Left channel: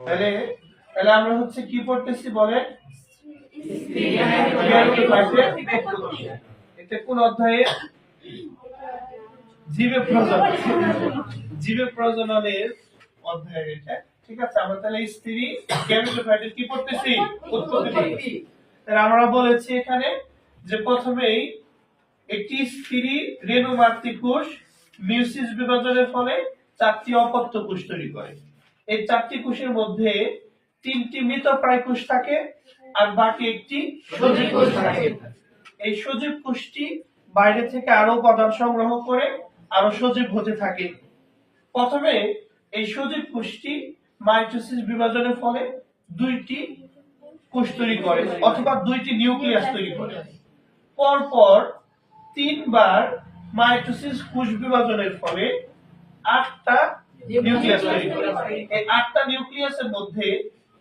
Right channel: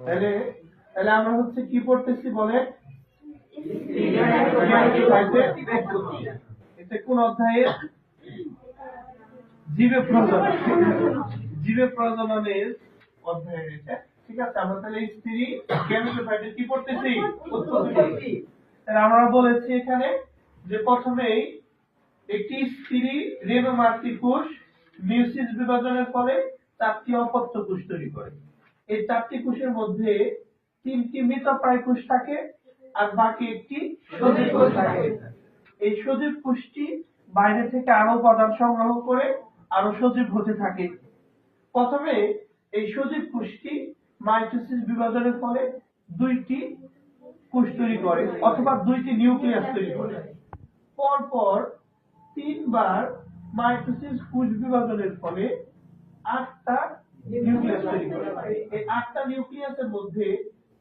তাহলে তাহলে আমরা হচ্ছে কি পড়তেছি বলে এটা কোন অধ্যায়ে? জীবে প্রজনন জীবে প্রজননের অধ্যায়ের এটা। ঠিক আছে আমরা তাহলে স্ত্রী গ্যামেটোফাইটের কি পড়তেছি? উৎপত্তি তাহলে আমরা বলেছি এখানে যে প্রথমেই একটি স্ত্রী রেণুমাতৃ কোষ মিউসিস বিভাজনের ফলে চারটি অপত্য কোষ তৈরি করে। এই চারটি কোষের মধ্যে তিনটি মৃতপ্রায় কোষ থাকে আর বাকি একটি সজীব কোষ থাকে। এই সজীব কোষটি বাইরে থেকে আরও উপাদান সংগ্রহ করে আরও সজীব হতে থাকে। প্রথমে এই সজীব কোষটি মাইটোসিস বিভাজনের ফলে দুইটি কোষ তৈরি করে অথবা দুইটি নিউক্লিয়াস তৈরি করে। পরপর তিনবার মাইটোসিস কোষ বিভাজনের ফলে আটটা নিউক্লিয়াস তৈরি করে এই আটটা নিউক্লিয়াসের মধ্যে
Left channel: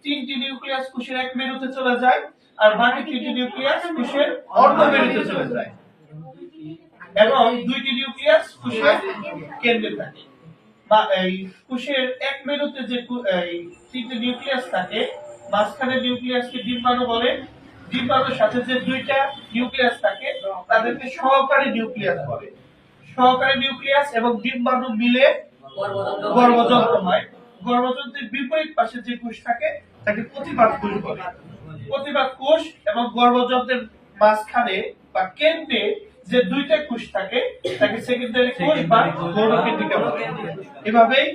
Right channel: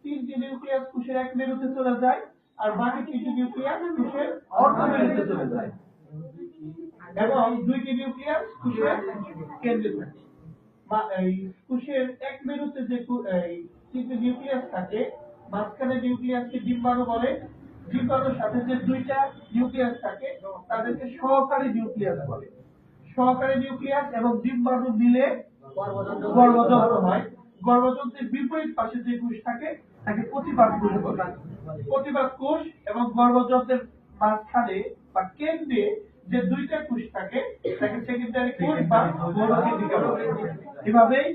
তিনটি নিউক্লিয়াস কোষের এক মেরুতে চলে যায় আর বাকি তিনটি নিউক্লিয়াস কোষের অর্ধ মেরুতে চলে যায়। এবং দুইটি নিউক্লিয়াস কোষের কেন্দ্রে থাকে। বা এই কোষের এক মেরুতে যে তিনটি নিউক্লিয়াস থাকে মাঝখানে নিউক্লিয়াসকে ডিম্বাণু বলে। ডিম্বাণুর সাথে যে দুইটা নিউক্লিয়াস থাকে তাদেরকে সহকারী নিউক্লিয়াস বলে। সহকারী নিউক্লিয়াস এবং ডিম্বাণু মিলে গর্ভযন্ত্র হয়। গর্ভযন্ত্রের বিপরীত পাশে যে কোষ থাকে তাকে প্রতিবাদ কোষ বলে। প্রতিবাদ কোষ এবং গর্ভযন্ত্রের মাঝখানে বা কেন্দ্রে যে দুইটা কোষ থাকে তাকে সেকেন্ডারি কোষ বা গৌরকেন্দ্রিকা বলে। এভাবেই